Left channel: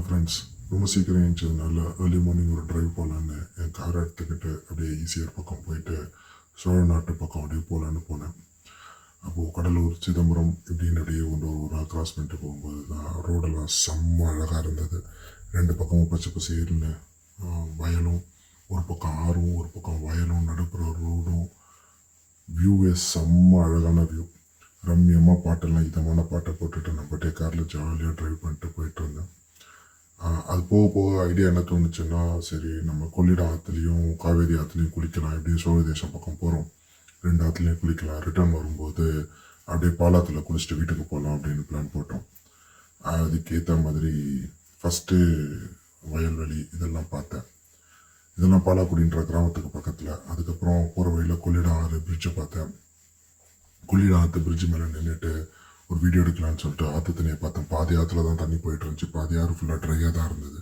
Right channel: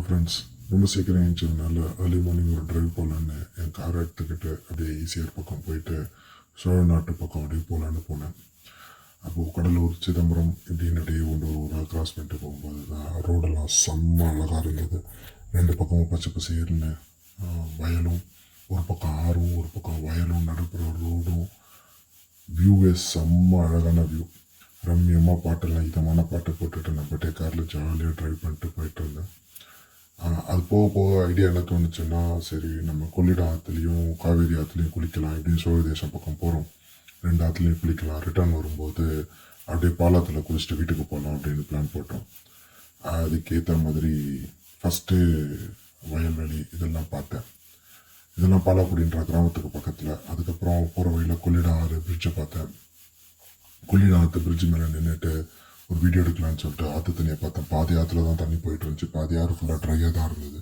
Hello friends, ரொம்ப சீக்கிரம் எழுந்திரிச்சதுனால early morning ஒரு ட்ரைவ் போகலான்னு என் காரை எடுத்துக்கிட்டு அப்படியே ஈஸியர் பக்கம் போயிட்டு சோழ நாட்டு பக்கம் அப்படியே போகலான்னு போனேன். அப்போது கடலூர் சிதம்பரம் இப்படின்னு அப்படியே ஒரு கிராஸ் பண்ணிட்டு போகும்போது தான் ரோடெல்லாம் செம்ம அழகாக இருந்தது. ரெண்டு பக்கமும் பச்சை பசேர்னு வயலும், ஒரு பக்கம் ஆறும் ஒரு பக்கம் வயலும், நடுப்புற ரோடும், வியூவே செம்ம அழகான வியூ. ரம்யமாக பாட்டெல்லாம் இதமான பாட்டை போட்டுட்டு நம்ம பாட்டே காரில் ஜாலியாக ட்ரைவ் பண்ணிட்டு போயிட்டு இருந்தேன். அது போக போக ஐடியா என்ன தோணுச்சுன்னா, சரி நம்ம கொள்ளிட ஆற்றுலையும் காவேரி ஆற்றுலையும் குளிக்கலாம், எப்படியும் சோழ தேசம் பக்கம் போகிறோம், ரெண்டு ஆற்றுலையும் குளிக்கலாம், ரிட்டர்ன் வரும்போது அப்படியே பாலாத்தில் குளிச்சுட்டு வீட்டுக்கு போகலாம் அப்படின்னு பிளான் போட்டோம். அதுக்கேற்ற மாதிரி ஃபஸ்ட்டு வயல்வெளி இதெல்லாம் பார்த்தேன். இதெல்லாம் பாலாக்குடின்ற கிராமத்துக்கு பக்கத்தில். அதுக்கப்புறம் போகிற வழியில் கொள்ளிட ஆறு பிரிட்ஜை பார்த்தேன். கொள்ளிட ஆற்று பிரிட்ஜு மேலே நின்றுட்டு ஒரு வீடியோ எடுக்கலான்னு சொல்லிட்டு ஆற்று தண்ணியை பார்த்தேன். பாதி ஆற்றுல தான் தண்ணி போயிட்டு இருந்துச்சு, பாதி ஆறு ஃபுல்லாக ட்ரையாக தான் இருந்தது.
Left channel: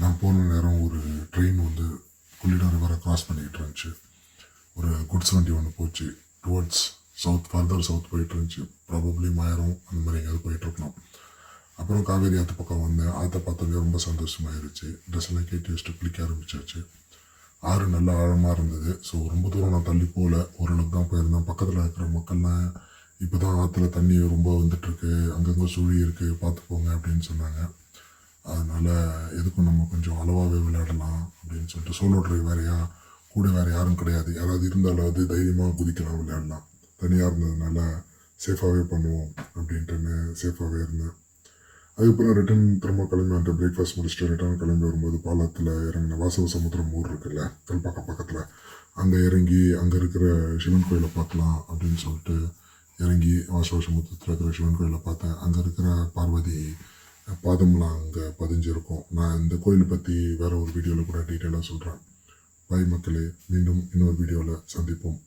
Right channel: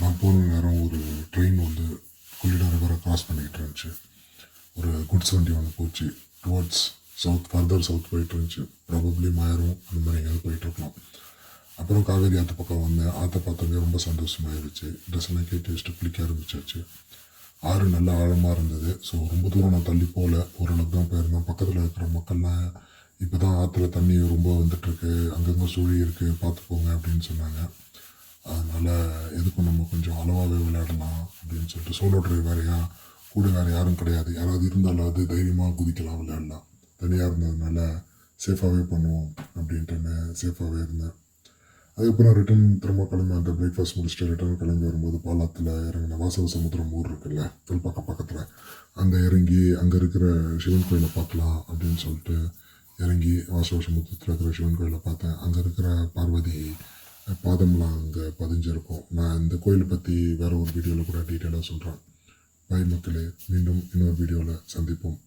நான் போன நேரம் ஒரு ட்ரெயின் வந்து கொள்ளிட ரிவரை கிராஸ் பண்ணிக்கிட்டு இருந்துச்சு. ஒரு குட்ஸ் வண்டி ஒன்று போச்சு, டுவர்ட்ஸ் ஃபர்தர் சவுத் போயிட்டு இருந்துச்சு. ப்ராபப்ளி மாயரும் அந்த மாதிரி எங்கேயாவது போயிட்டுருக்கலாம். அப்புறம் காவேரி ஆற்று பக்கம் வந்தேன். ஆற்றை பார்த்தோன்னே ரொம்ப சந்தோஷமாயிருச்சு. ட்ரெஸ்ஸெல்லாம் கேட்டு வச்சுட்டு குளிக்க ஆரம்பிச்சாச்சு. ஆறு நல்லா ஆழமாக இருந்தது. ஸோ ரொம்ப தூரம் நான் தள்ளி போகல, ஓரளவுக்கு தான் போயிருந்தேன். பக்கத்தில் இருக்கிற மக்கள்லாம் இப்போ தான் ஆற்றுல தண்ணி ரொம்ப வந்துட்டுருக்கு, அங்கங்கே சுழி இருக்குது, பார்த்துப்போங்க அப்படின்னு சொன்னாங்க. அதனால் எதுக்கும் நம்ம கொஞ்சம் அளவாகவே விளையாடலாம் அப்படின்னு சொல்லிட்டு, சோலோ ட்ரைவ் வேறையா, கூட வேறு யாரும் கிடையாது, யாராவது இருந்தாலாவது தைரியமாக குதிக்கலாம், விளையாடலாம். தனியாக இருந்ததுனால சேஃபாகவே பண்ணுவோம் அப்படின்ட்டுன்னு சேஃபாகவே இருந்தேன். அதுக்கப்புறம் ரிட்டன் திரும்ப கிளம்பி அந்த பிரேக்ஃபாஸ்ட் முடிச்சுட்டு ரிட்டன் கிளம்பி வரும்போது பாலத்தில் இறங்கின வாசவ சமுத்திரம் ஊர் இருக்குல்ல, பக்கத்தில் அங்கே இறங்கி அங்கே இருக்கிற சிவன் கோயிலை பார்க்கலாம் அப்படின்னு சொல்லிட்டு இறங்கி வாசவ சமுத்திரத்தில் இருக்கிற சிவன் கோயிலை பார்த்தேன். அங்கே இருக்கிற பார்வதி பாதம்லாம் அங்கே பதிஞ்சிருக்கும். நான் இந்த கோயிலை பற்றி வேறு ஒரு வீடியோவில் கூட டீட்டெயிலாக சொல்கிறேன். பாய் மக்களே, மீண்டும் இன்னொரு வீடியோவில் சந்திப்போம்.